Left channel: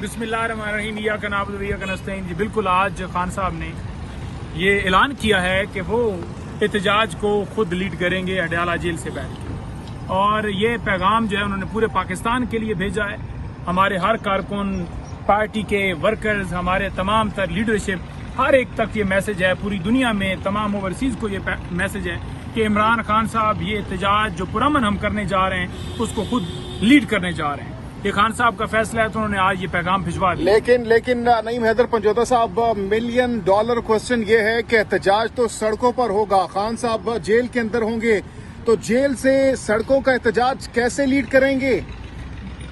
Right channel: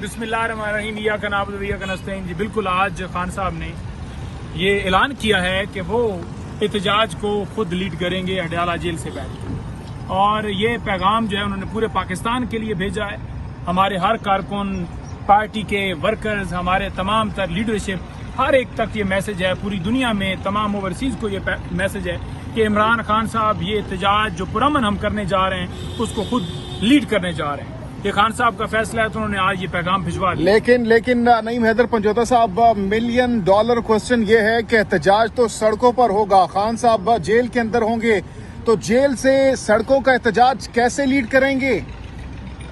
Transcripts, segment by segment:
بسم اللہ الرحمن الرحیم ایاک نعبد و ایاک نستعین. جی بالکل آج خان صاحب نے یہ اعلان کیا ہے کہ وہ احتجاج کو خود لیڈ کریں گے اڈیالہ جیل سے بیٹھ کے, اور یہ پیغام جو ہے انہوں نے پورے پاکستان کے لیے بھیجا ہے. ہمارے ہر کارکن, پارٹی کے ورکرز, ہمارے تمام تر لیڈرشپ, ہر ایک تک یہ میسج ہے. پوری دنیا میں تمام اوورسیز کو یہ میسج ہے کہ عمران خان صاحب یہ احتجاج جو پرامن ہم کرنے جا رہے ہیں اس کو خود لیڈ کرنے جا رہے ہیں. یہ خان صاحب کا فیصلہ ہے تو انہوں نے آج یہ پیغام بھجوا دیا. لیکن نعیم حیدر پنجوتا صاحب, $1 ملین کوسچن یہ ہے کہ احتجاج تو سڑکوں پر ہوگا, خان صاحب جیل کے اندر ہوں گے, تو جیل سے سڑکوں کا احتجاج کیسے لیڈ کریں گے؟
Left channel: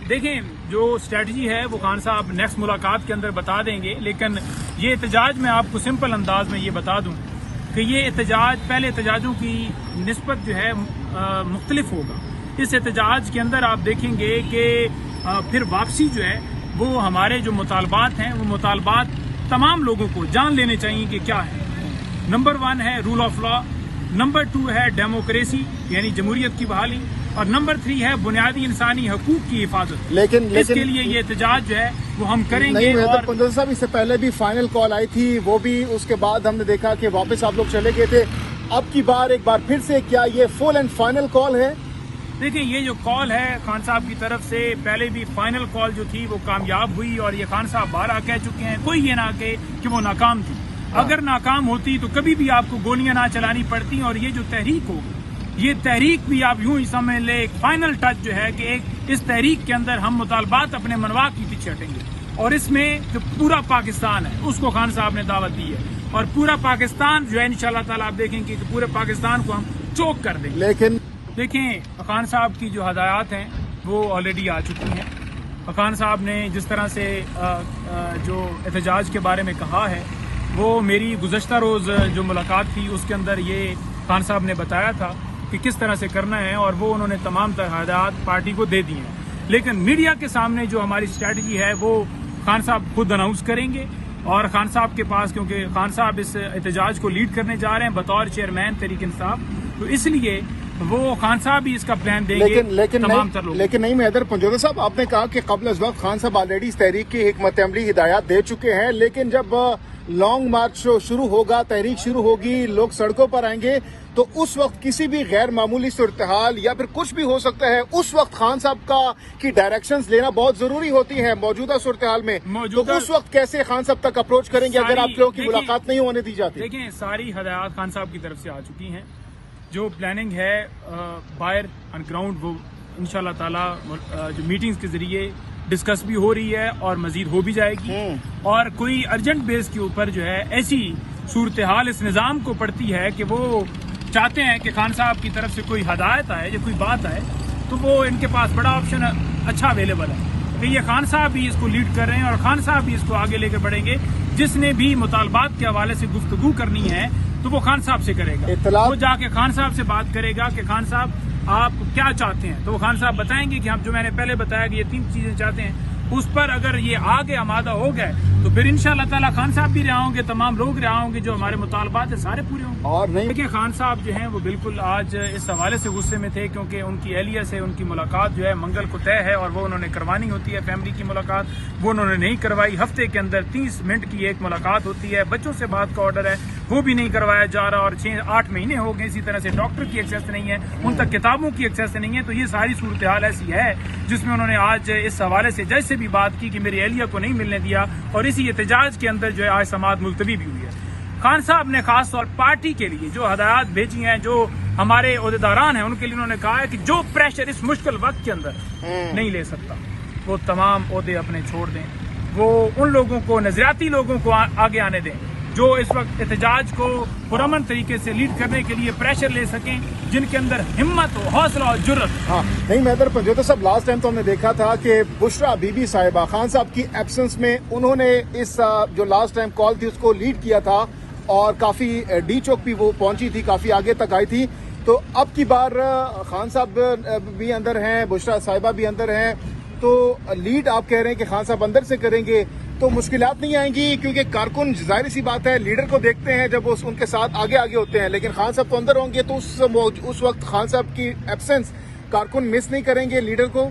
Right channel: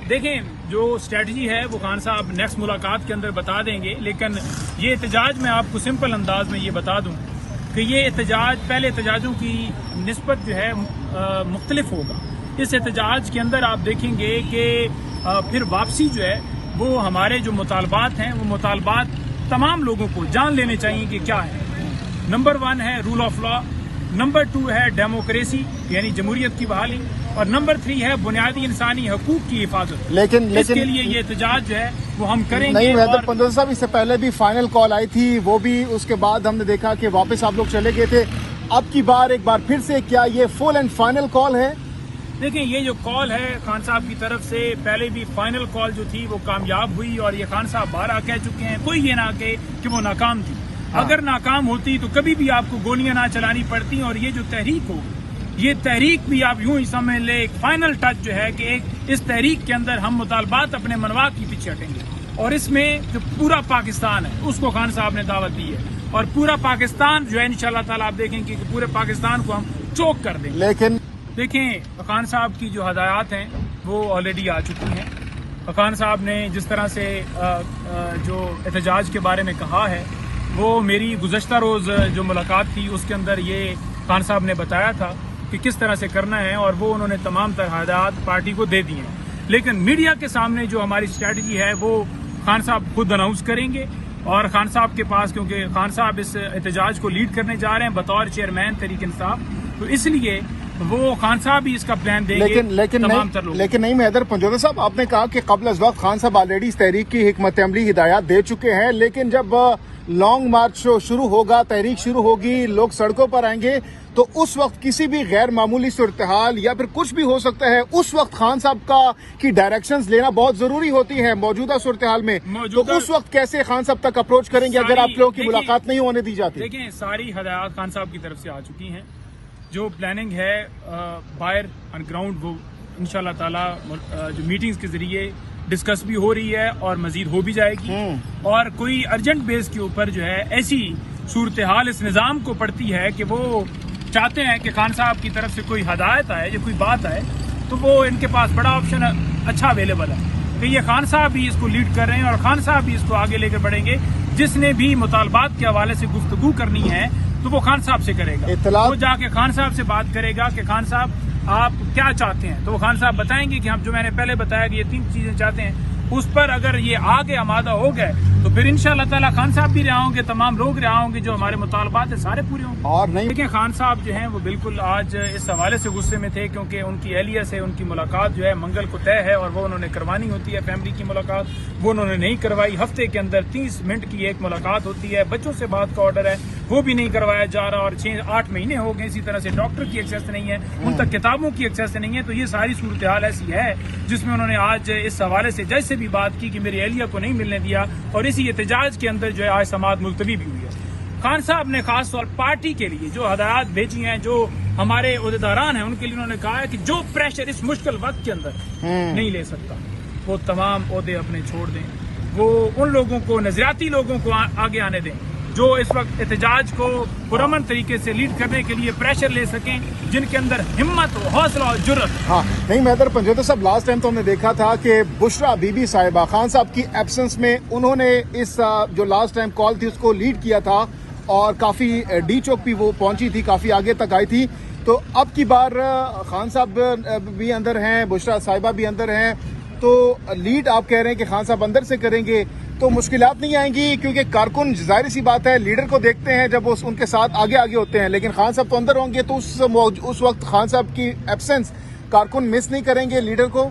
دیکھیں, جو اسٹریٹجی ہے وہ خان صاحب نیکسٹ ملاقات کے اندر بتا دیں گے, لیکن یہ احتجاج میں آپ کو سمپل انداز میں یہ بتا دوں کہ یہ احتجاج پہلے احتجاجوں کی نسبت جو ہے مختلف ہوگا. اس احتجاج کے اندر آپ دیکھیں گے کہ پھر واپسی جو ہے وہ ہمارے جو مطالبات ہیں وہ مطالبات تمام لوگوں کو جان لینے چاہیے کہ کیا ہے. نمبر 1 ہے رول آف لا, نمبر 2 ہے ڈیموکریسی یعنی جمہوریت کی بحالی, اور نمبر 3 ہے بنیادی انسانی حقوق کی حفاظت. لیکن اس کے لیے یہ احتجاج جو ہے وہ ہم کریں گے. پنجوتا صاحب, اس سے پہلے بھی فائنل کال آئی تھی, وہ بھی اس کے بعد ہم نے دیکھا کہ واپس آپ لوگ چلے گئے تھے. اب کی بار ایک بار پھر سے کیا یہ فل اینڈ فائنل کال ہے؟ دیکھیں, یہ جو کال ہے خان صاحب کی طرف سے, پہلے بھی فائنل کال جو تھی وہ کامیاب ہوئی, اور یہ خان صاحب بارہ کہہ چکے ہیں. کوئی یہ نہ کہے کہ وہ ناکام تھی. اگر ناکام ہوتی تو کبھی بھی آپ کو گولیاں نہ چلانی پڑتی, اور یہ جو تحریک ہوگی یہ تحریک بھی آپ یوں ہی سمجھ لیں ایک فائنل ٹچ جو ہے کہ اس تحریک کے اندر ہم مطالبات اپنے منوا کے پیچھے ہٹیں گے, اور اس میں جو پورا پاکستان ہے اس کو خان صاحب نے دعوت دی ہے, اور پورا پاکستان جو ہے انشاءاللہ تعالی آپ دیکھیں گے کہ پورے پاکستان کو ہم چوک کر دیں. لیکن دیکھیں, خان صاحب کی جو ہدایات ہیں وہ آلریڈی آ چکی ہیں. خان صاحب نے جس طرح سے جو احتجاج کے بارے میں کہا ہے وہ میری گزشتہ روز جو ملاقات تھی اس کے اندر یہ خان صاحب نے بتایا تھا کہ کس طرح سے کرنا ہے, اور وہ انہوں نے تمام تر ہدایات پارٹی کو دے دی ہیں. لیکن میڈیا کے سامنے جو ہماری اسٹریٹجی ہے وہ خان صاحب خود اناؤنس کریں گے, اور خان صاحب کے پاس, کیونکہ خان صاحب اس احتجاج کو لیڈ کرنے جا رہے ہیں بطور چیئرمین تحریک انصاف, تو اس لیے وہ خان صاحب بھی اس کا پلان دیں گے تمام تر لوگ. لیکن نعیم حیدر پنجوتا صاحب, آپ نے کہا کہ قبل از وقت خان صاحب آلریڈی اس تحریک کی حکمت عملی ہدایات دے چکے ہیں, لیکن جب لانگ مارچ شروع ہوگا, تحریک شروع ہوگی, لوگ سڑکوں پر آئیں گے, تو اس وقت کسی بھی غیر معمولی صورتحال یا پھر کچھ بھی ہو سکتا ہے, اس وقت خان صاحب کی ڈائریکشنز لینا بہت ضروری ہوتی ہیں موجودہ صورتحال میں. تو اس وقت کیسے خان صاحب تک اپروچ کریں گے اگر آپ لوگوں کی ملاقات نہیں ہونے دی جاتی؟ دیکھیں, ساری ہدایات خان صاحب کی طرف سے آ چکی ہیں. جو پلاننگ ہے باہر آن گراؤنڈ وہ انشاءاللہ تعالی جو میٹنگز کے ذریعے ڈسکس بھی ہو رہی ہے اور مزید ہو بھی جائے گی. اور کوئی ارجنٹ بیس کے اوپر جو ہے ایسی صورتحال اس نظام کو پڑتی ہے کہ وہ چاہتے ہیں کہ خان صاحب کی طرف سے کوئی ہدایت آئے یا کوئی بات آئے, تو وہ ان کے پاس بڑا آپشن اچھا اویلیبل ہے کہ یہ خان صاحب بھی اس کو لیڈ کر رہے ہیں, اور خان صاحب بھی اس کو آگے لے کر بڑھیں گے. جس نے بھی مطالبات کے حوالے سے گفتگو کرنی ہے تو وہ خان صاحب سے کرے گا, وہ جا کے خان صاحب سے بات کرے گا کہ خان صاحب آپ کیا چاہتے ہیں, تو وہ خان صاحب بتائیں گے کہ ہم جو میں نے پہلے بتایا کہ یہ 3 چیزیں چاہتے ہیں, اس پر اگر یہ آگے آمادہ ہو گئے تو پھر انشاءاللہ تعالی خان صاحب بھی رہا ہوں گے, تمام لوگ رہا ہوں گے, جو ہمارے مطالبات ہیں سارے پورے ہوں گے. لیکن خان صاحب جو ہیں وہ بالکل آج اس حوالے سے غصے میں تھے کیونکہ ان کی اہلیہ سے ان کی ملاقات جو ہے منگل کو طے ہے, اور وہ انہوں نے کروانی ہوتی ہے فیملی کی ملاقات, وہ انہوں نے نہیں کروائی. ہفتے کے اندر 30 منٹ کی ایک ملاقات ہوتی ہے, بچوں سے بات کا آرڈر ہے وہ بھی نہیں کروایا جا رہا, اور 6-8 مہینے ہو گئے. اسی طرح سے ڈاکٹر کی ایکسیس نہیں ہے, ان تک کتابوں کی ایکسیس نہیں ہے. تو یہ ساری صورتحال ایسی ہے جس میں انہوں نے آج اس حوالے سے جج سے بھی بات کی کہ میری اہلیہ کو نہیں ملنے دیا, اور اسی احتجاج کے اندر جو ہے آج سماعت ملتوی بھی ہوئی ہے. خان صاحب نے خاص طور پارٹی کے لیے جو ہدایات بھیجی ہیں, جو ہمارے عہدیداران ہیں ان کے لیے انہوں نے کہا ہے کہ جو پریشر اس مشکل وقت کے اندر نہیں لے سکتا وہ تمام عہدے اپنے چھوڑ دیں, وہ ان لوگوں کو, نظریاتی لوگوں کو آگے آنے دیں جو اس وقت احتجاج کو پرامن طریقے سے لیڈ کرنے کے لیے پریشر لے سکیں, جن کے اندر ہمت ہو, حوصلہ اور جرأت. نہیں حیدر پنجوتا صاحب, لاسٹ ٹائم تو ہم نے دیکھا تھا کہ بشرا بی بی صاحبہ خان صاحب کی ایبسنس میں انہوں نے اس جو لاسٹ ٹائم کال تھی اس کو لیڈ کیا تھا, اور کافی ڈی چوک بھی وہ پہنچی تھی, کافی آگے تک آئی تھی. تو اب کی بار خان صاحب بھی اندر ہیں, بشرا صاحبہ بھی اندر ہیں, تو لیڈ آپ کہہ رہے ہیں کہ خان صاحب اندر سے کریں گے, تو مشکلات نہیں آئیں گی؟ کیونکہ کارکن ظاہر سی بات ہے لیڈر کو دیکھتے ہیں جب ان کے ساتھ آگے ہوتے ہیں, لیکن خان صاحب تو اندر ہوں گے, تو اس وقت خان صاحب کی ایبسنس کارکن مس نہیں کریں گے لیڈر کو؟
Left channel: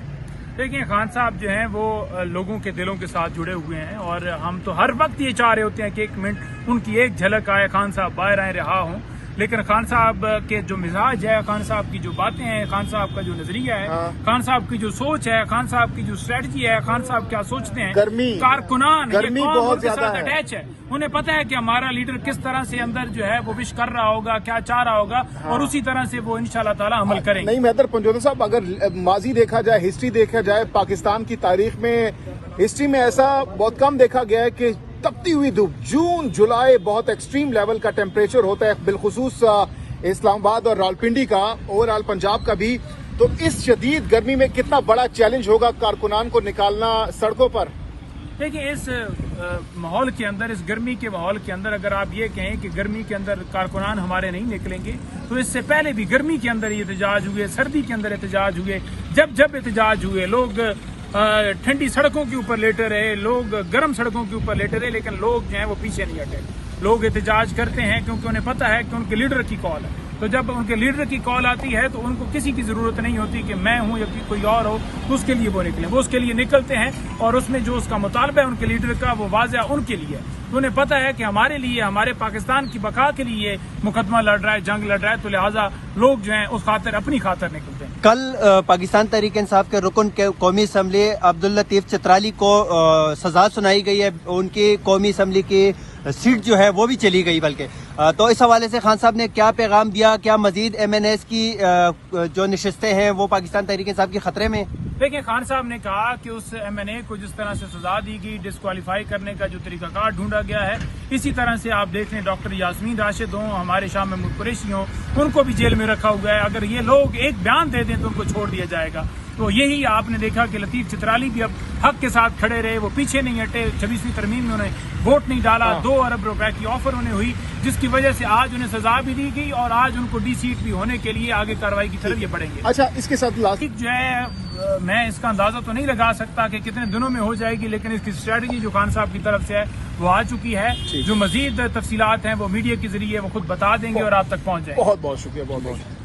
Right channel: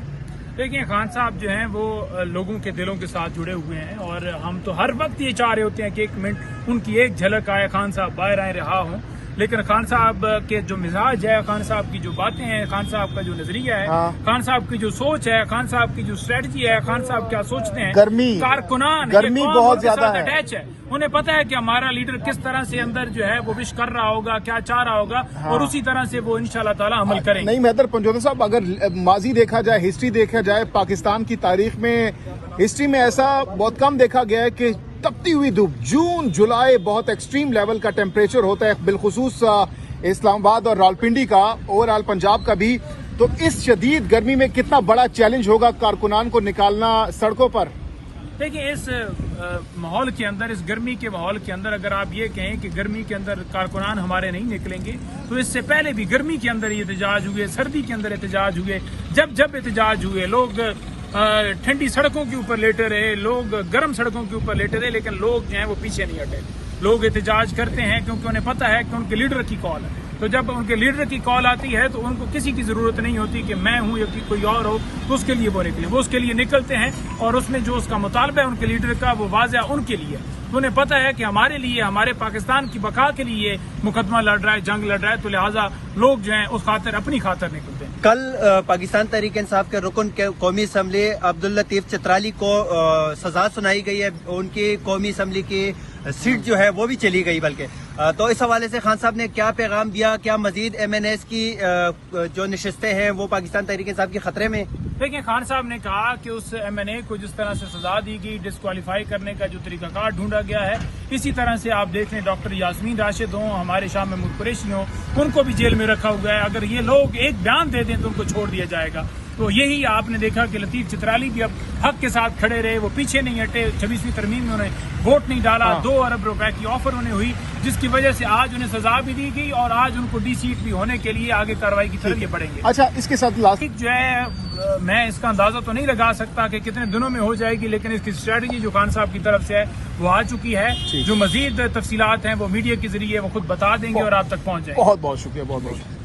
دیکھیں خان صاحب جو ہیں وہ لوگوں کے دلوں کے ساتھ جڑے ہوئے ہیں، اور ہم تو ہر وقت یہ چاہ رہے ہوتے ہیں کہ ایک منٹ ان کی ایک جھلک آئے، خان صاحب باہر آئیں، رہا ہوں. لیکن خان صاحب کے جو مزاج ہے، خان صاحب کی جو باتیں ہیں، خان صاحب کا جو نظریہ ہے، خان صاحب کی جو سوچ ہے، خان صاحب کی جو اسٹریٹجی ہے، خان صاحب کیا سوچتے ہیں، کارکنان یہ قوم ان کے ساتھ اٹیچ ہے. انہیں پتا ہے کہ ہمارا لیڈر کس طرح سے اندر جو ہے وہ وش کر رہا ہوگا، کیا چاہ رہا ہوگا، اور اسی طرح سے وہ انشاءاللہ تعالی عمل کریں گے. نہیں مہتر پنجوتا صاحب، اگر ماضی دیکھا جائے، ہسٹری دیکھا جائے، پاکستان کی تاریخ میں ہسٹری میں ایسا بہت کم دیکھا گیا ہے کہ تپتی ہوئی دھوپ، جون جولائی بہت ایکسٹریم لیول کا ٹیمپریچر ہوتا ہے، بالخصوص اسلام آباد اور راولپنڈی کا، اوور آل پنجاب کا بھی. تو اس شدید گرمی میں کتنا بڑا چیلنج ہوگا کارکنان کو نکالنا سڑکوں پر؟ دیکھیں اس ماحول کے اندر، اس گرمی کے ماحول کے اندر، اگر آپ یہ کہیں کہ گرمی کے اندر کارکنان ہمارے نہیں نکلیں گے، تو اس سے پہلے بھی گرمی کے اندر یہ احتجاج ہوئے، سردی کے اندر احتجاج ہوئے. جب احتجاج ہوئے، لوگ ٹھنڈی سڑکوں کے اوپر لیٹے رہے، لوگ گرم سڑکوں کے اوپر لیٹے رہے، لیکن لوگ جو ہیں وہ پیچھے نہیں ہٹے. لوگ احتجاج کرتے ہیں کیونکہ انہیں پتا ہے کہ ان کے لیڈر کی کال ہے. تو جب ان کے لیڈر کی کال آتی ہے تو ان کو کسی کی ضرورت نہیں ہوتی کہ میں ہوں یا کوئی اور ہو تو اس کے لیے وہ نکلیں. وہ اس کے لیے نکلتے ہیں، اور اس میں جو اس کا مطالبہ ہے ان کے لیڈر کا، وہ واضح ان کے لیے. تو انہیں پتا ہے کہ ہمارے لیے، ہمارے پاکستان کی بقا کے لیے مقدمہ لڑ رہا ہے، جنگ لڑ رہا ہے. تو لہٰذا لوگ جو ہیں اس خاطر اپنی خاطر نکلتے ہیں. کل پاکستان تحریک انصاف کے رکن قومی اسمبلی عبداللطیف چترالی کو سزا سنائی گئی ہے. ان کی قومی اسمبلی کی سیٹ جو ہے وہ بھی چلی گئی. بلکہ تو اس حوالے سے خان صاحب نے کیا پیغام دیا؟ کیا مزید ایم این ایس کی جو نشستیں ہیں وہ پاکستان تحریک انصاف کی خطرے میں؟ دیکھیں خان صاحب نے کہا کہ اس ایم این اے کو جس طرح سے سزا دی گئی، ڈسکوالیفائی کرنے کا جو طریقہ کار ڈھونڈا گیا ہے، اسی طرح سے آپ دیکھ لیں ڈاکٹر یاسمین راشد ہوں، ہمارے شاہ محمود قریشی ہوں، ان کو بھی جیل میں رکھا ہوا ہے. اگر یہ لوگ ایک بیان دے دیں تو ان کو چھوڑ دیا جائے گا. تو یہی آپ نے دیکھا کہ لطیف چترالی بھی اب حق کے ساتھ کھڑے رہے، وہ پیچھے نہیں ہٹے. 26ویں ترمیم میں انہیں ووٹ نہیں ڈالا. 2 ارب روپے کی آفر انہیں ہوئی، جس کی وجہ سے آج انہیں سزا بھی دی گئی، اور آج ان کو ڈی سیٹ بھی ہونے کے لیے آگے کارروائی کی طرف یہ بڑھیں گے. اچھا، اس کے ساتھ جو ہے میں اس کا اندازہ تو نہیں لگا سکتا کہ کتنے دنوں میں ہو جائے گی، لیکن اس کی اسٹریٹجی جو خان صاحب کی طرف سے ہے وہ آ چکی ہے. جو مزید تفصیلات ہیں وہ میڈیا کے ذریعے وہ خود بتا دیں گے اور آپ تک پہنچ جائیں گے. بہت بہت شکریہ. بہت بہت